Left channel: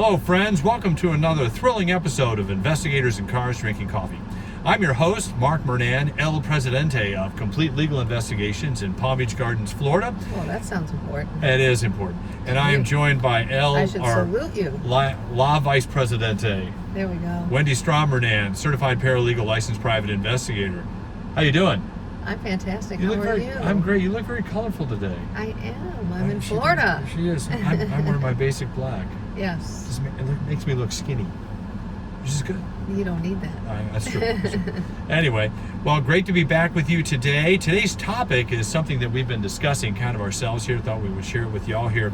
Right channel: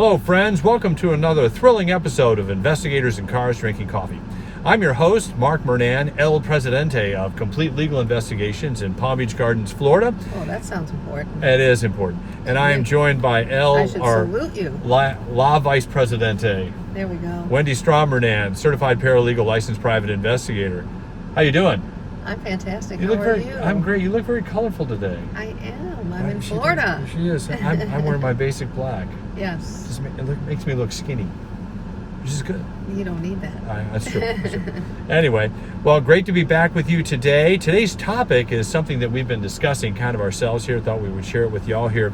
Hello, friends. Welcome to another thrilling episode of Investigators in Cars Drinking Coffee. I'm your host, Mark Murnan, El Presidente of Complete Legal Investigations in Palm Beach Gardens, Florida. Oh, that sounds important. It is important. And I am joined by El, I should our salute you. La Vice Presidente, There we go. Wendy Strom Murnan, Certified Paralegal Licensed Private Investigator. How you doing? I'm fantastic. How are you? I'm great. You look very colorful today. I am. I'm in Florida. She is. I'm wearing my basic black. Yes. It makes me look skinny, which is good. You don't need that. That's true. Anyway, well, great to be back with you today. Today's topic is something that we've been discussing kind of ourselves here. Thought we would share it with y'all here.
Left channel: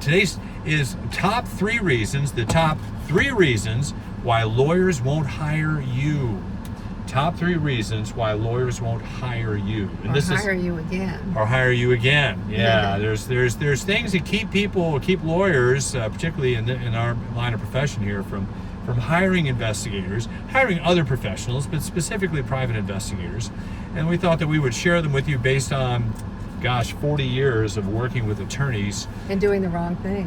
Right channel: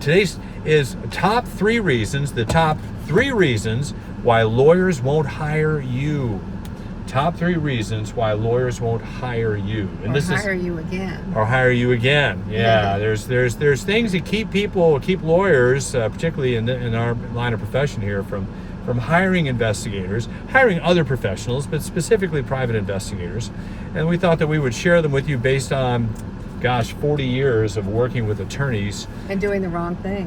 Today's is the top three reasons why lawyers won't hire you. Top 3 reasons why lawyers won't hire you. And hire you again. Or hire you again. Yeah, there's things that keep lawyers, particularly in our line of profession here, from hiring investigators, hiring other professionals, but specifically private investigators. And we thought that we would share them with you based on, 40 years of working with attorneys. And doing the wrong thing.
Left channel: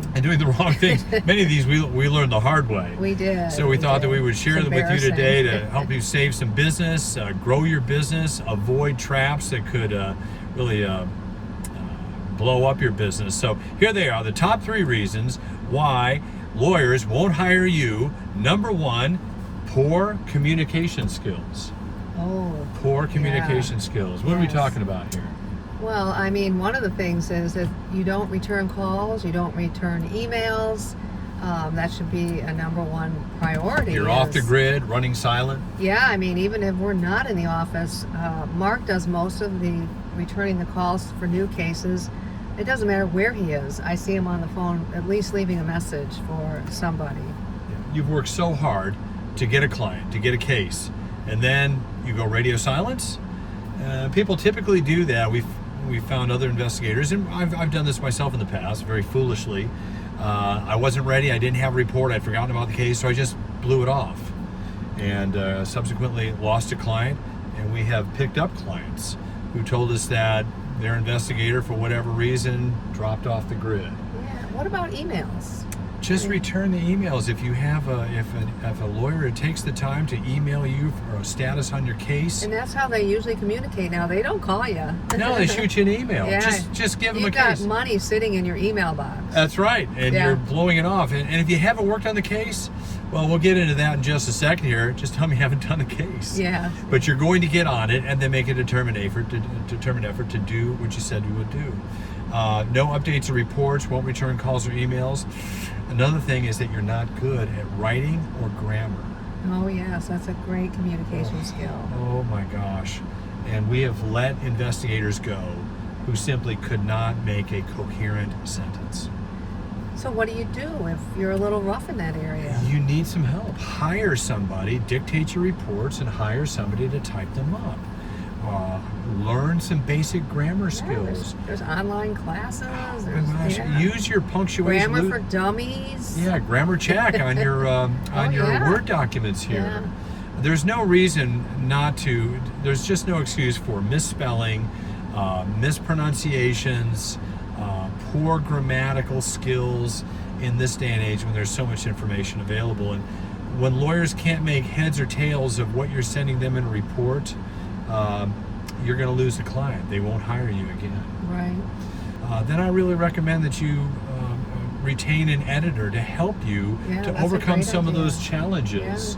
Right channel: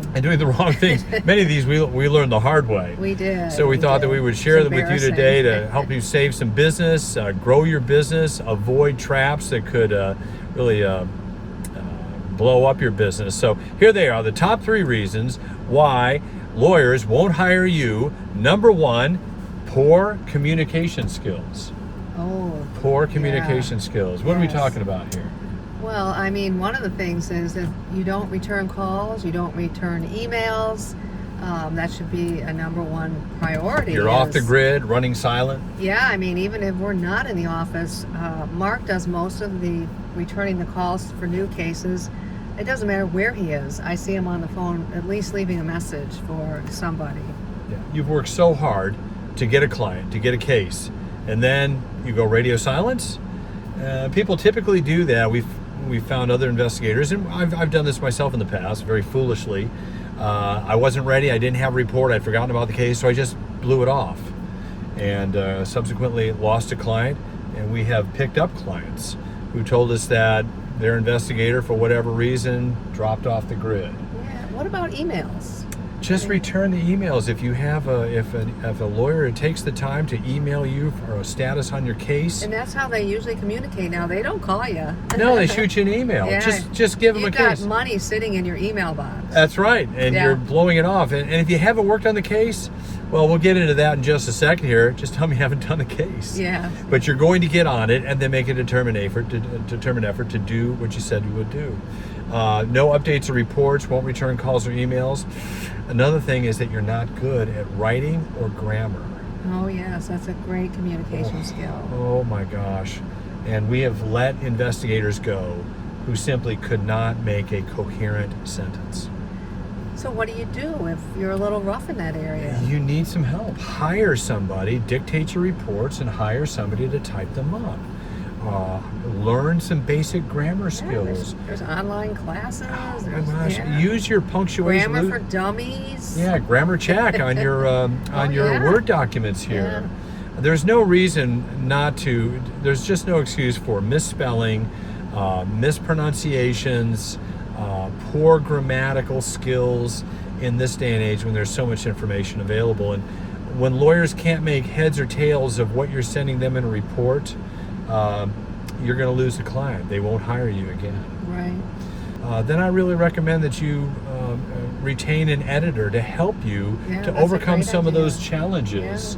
Many of these we learned the hard way. We did. So we thought that we would share them with you today to help you save some business, grow your business, avoid traps that could really blow up your business. So here they are, the top 3 reasons why lawyers won't hire you. Number 1, poor communication skills. Oh. Poor communication skills. What are we talking about here? Well, I mean, one of the things is that you don't return calls, you don't return emails. That should be a number 1 priority. You're off the grid, running silent. Yeah, I mean, even if we're not in the office, Mark does most of the returning the calls for new cases. It doesn't matter where he is. I see him on the phone, at least leaving a message for somebody. Yeah. You've worked so hard to get a client, to get a case, and then you go radio silence. People typically do that. We found other investigators, and I've done this myself in the past, very foolishly. I wasn't ready. I didn't have a report. I'd forgotten about the case, so I just blew it off, and subsequently lost a client. And we have picked up clients who told us that their investigator, for whatever reason, dropped off the grid. Yeah. What about emails? Just return the emails. If you have if a lawyer takes the time to email you for a status on your case. And that's how they usually communicate now. They don't call you. No, they shoot you an email. Yeah. Just give them a case. You've got money sitting in your email box. That's right, and you're blowing it off. And if you haven't worked on the case, well, we'll get into that in just a second here. Just tell me you haven't done the case. Yeah. But you're going to get on it and then make a determined effort to do what you said you would do. No updates or reports, won't return calls or emails. Another thing is that you're not good at writing or grammar. Oh, yes, that's a great communication skill. Oh, my gosh. And we have let investigators go who simply could not make a coherent sentence. So what do you do if you're a little rough in that area? You need some help. Hire somebody, dictate your reports, and hire somebody to type them up. Learn some basic grammar skills. There's online classes. Oh my gosh! Use your punctuation. Grammar for dummies. Yeah, grammar check on your Word documents here. Yeah. There's no reason not to. There's just no excuse for misspelling, mispronunciations, poor grammatical skills in this day and age when there's so much information available. And when lawyers can't make heads or tails of what you're sending them in a report, you're going to lose a client. They won't hire you again. Right. Then I really recommend that you retain an editor to help you to overcome some of those challenges.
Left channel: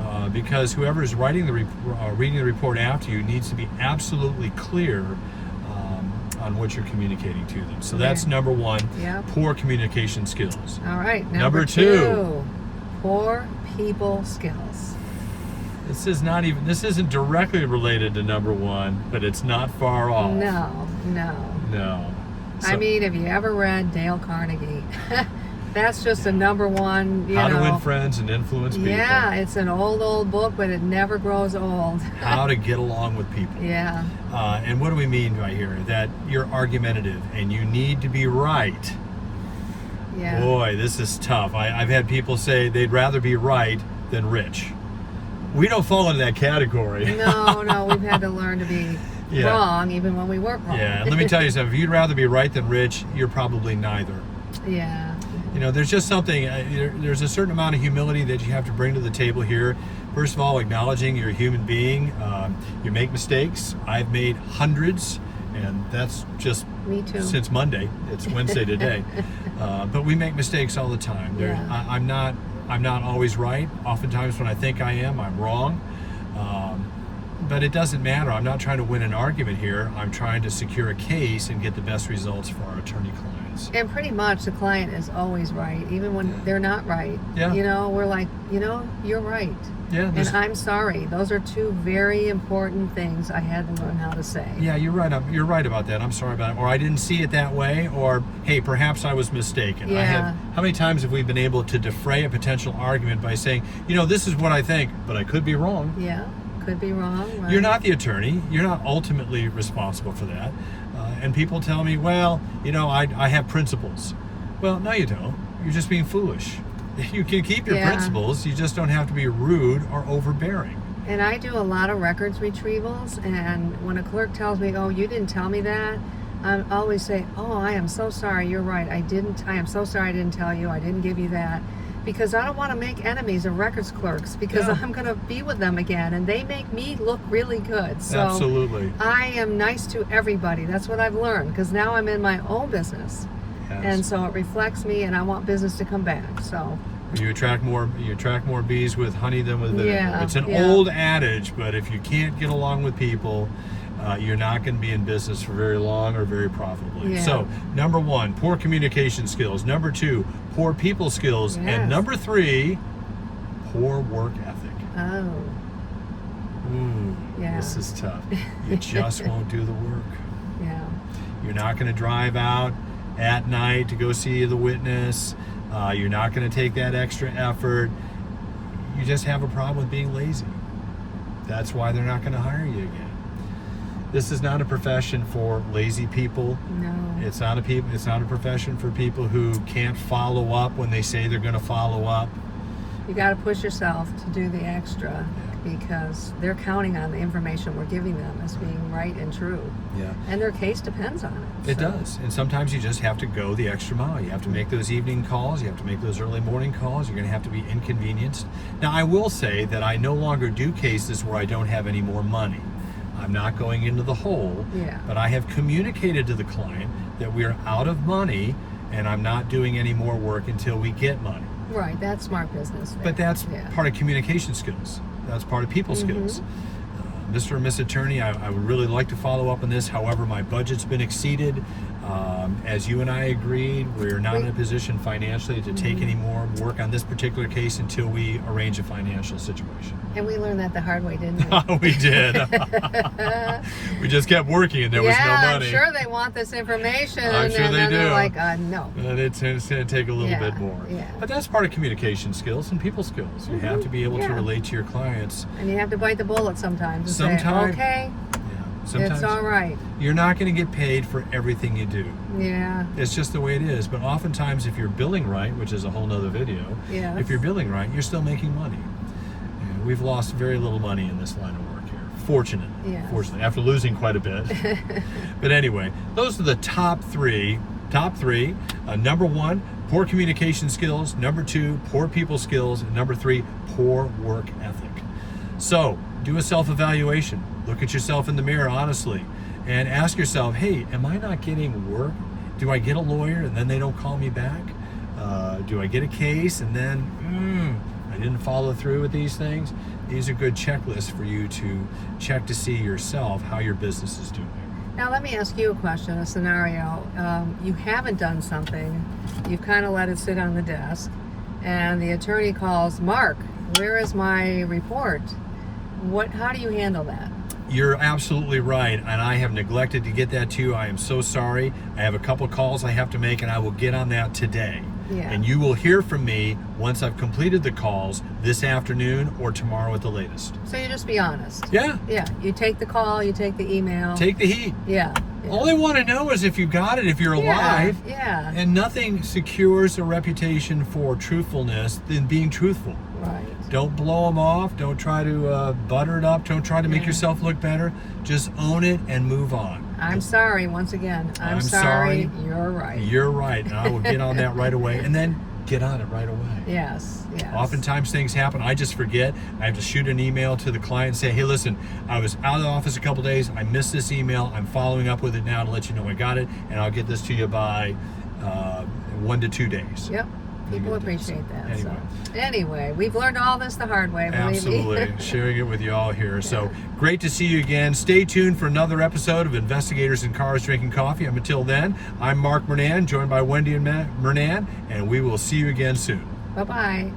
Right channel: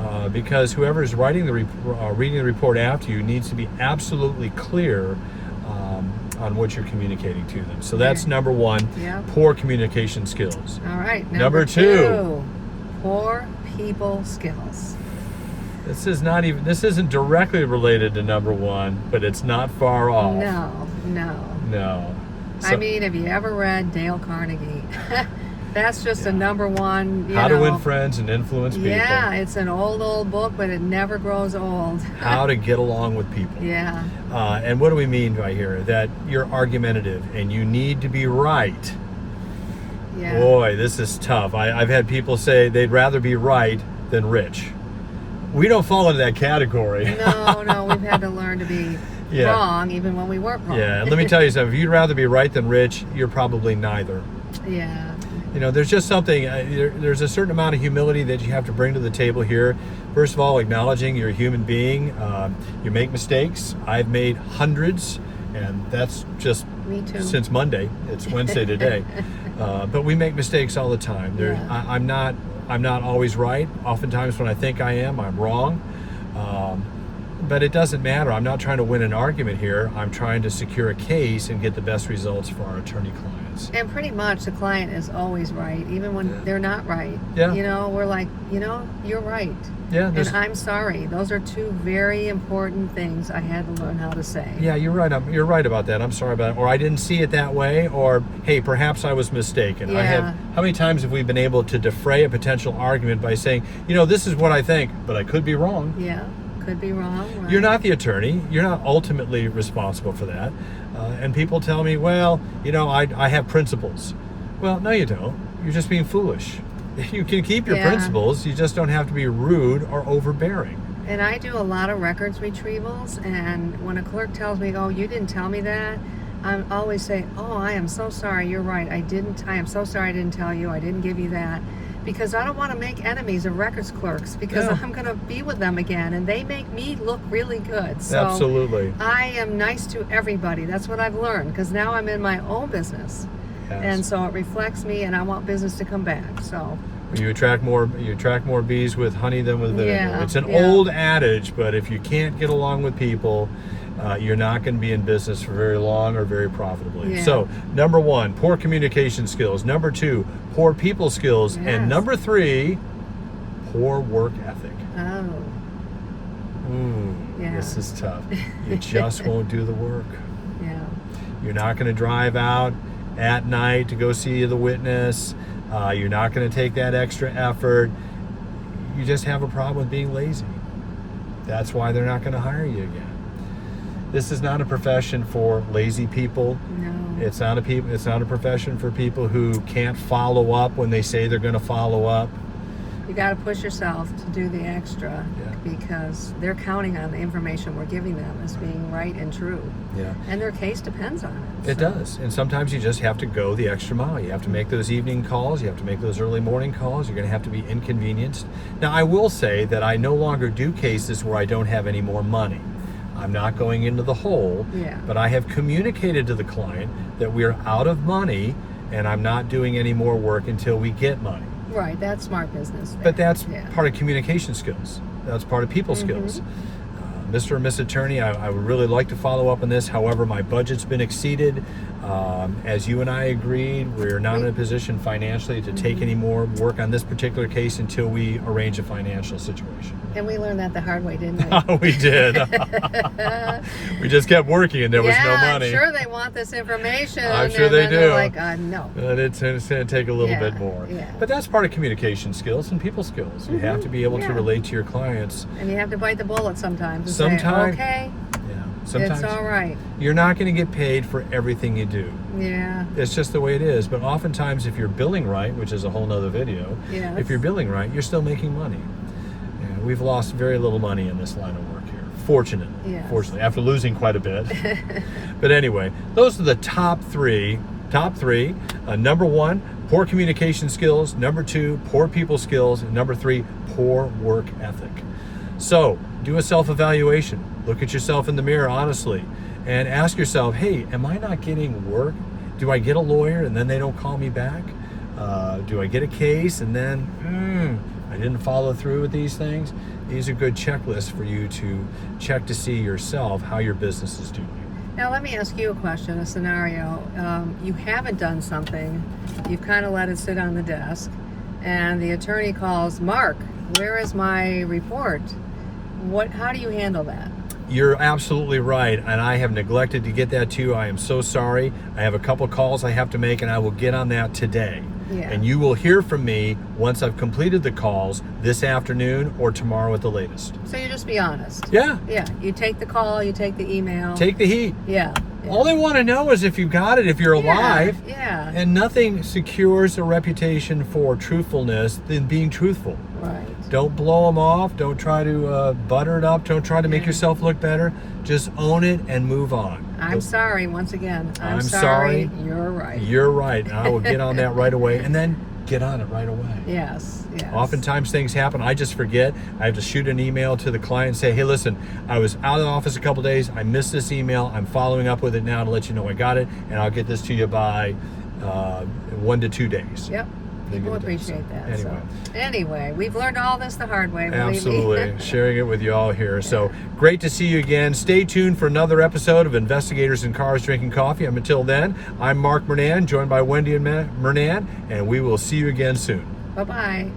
Yeah. Because whoever's reading the report after you needs to be absolutely clear on what you're communicating to them. So that's number 1, poor communication skills. All right. Number 2, poor people skills. This isn't directly related to number 1, but it's not far off. No. So, I mean, have you ever read Dale Carnegie? That's just a number 1. How to Win Friends and Influence People. Yeah, it's an old book, but it never grows old. How to get along with people. Yeah. And what do we mean by here? That you're argumentative and you need to be right. Yeah. Boy, this is tough. I've had people say they'd rather be right than rich. We don't fall into that category. No, we've had to learn to be wrong even when we weren't wrong. Yeah, and let me tell you something. If you'd rather be right than rich, you're probably neither. Yeah. You know, there's just something, there's a certain amount of humility that you have to bring to the table here. First of all, acknowledging you're a human being. You make mistakes. I've made hundreds, and that's just Me too. since Monday. It's Wednesday today. But we make mistakes all the time. Yeah. I'm not always right. Oftentimes when I think I am, I'm wrong. But it doesn't matter. I'm not trying to win an argument here. I'm trying to secure a case and get the best results for our attorney clients. And pretty much the client is always right, even when Yeah. they're not right. Yeah. You know, we're like, you know, you're right. Yeah, And there's- I'm sorry. Those are two very important things I had to learn how to say. Yeah, you're right. You're right about that. I'm sorry about it. Or I didn't see it that way. Or, hey, perhaps I was mistaken. Yeah. How many times have we been able to defray a potential argument by saying, you know, this is what I think, but I could be wrong. Yeah. Could be wrong. Right? You're not the attorney. You're not ultimately responsible for that. And people tell me, well, you know, I have principles. Well, no, you don't. You're just being foolish. You can keep your Yeah. principles. You just don't have to be rude or overbearing. And I do a lot of records retrievals, and when a clerk tells me, "Oh, you didn't tell me that," I always say, "Oh, I am so sorry. You're right. I am so sorry I didn't tell you. I didn't give you that." Because I don't want to make enemies of records clerks, because Yeah. I'm going to be with them again, and they make me look really good. So Absolutely. I am nice to everybody. That's what I've learned, because now I'm in my own business. Yes. And so it reflects me, and I want business to come back. So You attract more bees with honey than with vinegar. Yeah, It's an yeah. old adage, but if you can't get along with people, you're not going to be in business for very long or very profitably. Yeah. So, number 1, poor communication skills. Number 2, poor people skills. Yes. And number 3, poor work ethic. oh Ooh, Yeah. this is tough. You just won't do the work. yeah. You're not going to drive out at night to go see the witness. You're not going to take that extra effort. You just have a problem with being lazy. That's why they're not going to hire you again. This is not a profession for lazy people. No. It's not a profession for people who can't follow up when they say they're going to follow up. You got to push yourself to do the extra, Yeah. because they're counting on the information we're giving them as being right and true. Yeah. And their case depends on it. It So, does. And sometimes you just have to go the extra mile. You have to make those evening calls. You have to make those early morning calls. You're going to have to be inconvenienced. Now, I will say that I no longer do cases where I don't have any more money. I'm not going into the hole, Yeah. but I have communicated to the client that we are out of money and I'm not doing any more work until we get money. Right, that's smart business. But that's yeah. part of communication skills. That's part of people skills. Mr. and Miss Attorney, I would really like to follow up on this. However, my budget's been exceeded. As you and I agreed, we're not in a position financially to take any more work on this particular case until we arrange a financial situation. And we learned that the hard way, didn't we? We did. We just kept working and there was no yeah, money. I'm sure they want this information. I'm sure and they then they're do. like, no. And it's going to take a little Yeah, bit more. yeah. But that's part of communication skills and people skills. You have to be able to Yeah. relate to your clients. And you have to bite the bullet sometimes and Sometimes- say, okay, Yeah. Sometimes it's all right. you're not going to get paid for everything you do. Yeah. It's just the way it is. But oftentimes, if you're billing right, which is a whole nother video, Yes. if you're billing right, you're still making money. And we've lost very little money in this line of work here. Fortunately. Yes. Fortunately, after losing quite a bit. But anyway, those are the top three. Number 1, poor communication skills. Number 2, poor people skills. And number 3, poor work ethic. So do a self-evaluation. Look at yourself in the mirror honestly and ask yourself, hey, am I not getting work? Do I get a lawyer and then they don't call me back? Do I get a case and then I didn't follow through with these things? These are good checklists for you to check to see yourself how your business is doing. Now let me ask you a question, a scenario. You haven't done something, you've kind of let it sit on the desk, and the attorney calls, Mark, where is my report? How do you handle that? You're absolutely right, and I have neglected to get that to you. I am so sorry. I have a couple calls I have to make, and I will get on that today. Yeah. And you will hear from me once I've completed the calls this afternoon or tomorrow at the latest. So you just be honest. Yeah, Yeah, you take the call, you take the email. take the heat. Yeah. All they want to know is if you got it, if you're alive. Yeah. And nothing secures a reputation for truthfulness than being truthful. Right. Don't blow them off. Don't try to butter it up. Don't try to make Yeah. yourself look better. Just own it and move on. I'm sorry, once again. I'm sorry. You're right. You're right. I will get on that right away, and then get on it right away. Yes, yes. Oftentimes things happen. I just forget. I have to shoot an email to the client and say, hey, listen, I was out of the office a couple days. I missed this email. I'm following up with it now to let you know I got it, and I'll get this to you by 1 to 2 days. Yep. People appreciate that. Anyway. So anyway, we've learned all this the hard way, believe Absolutely. me. Sharing it with you all here. So great to see you again. Stay tuned for another episode of Investigators in Cars Drinking Coffee. And until then, I'm Mark Murnane, joined by Wendy and Murnane, and we will see you again soon. Bye-bye.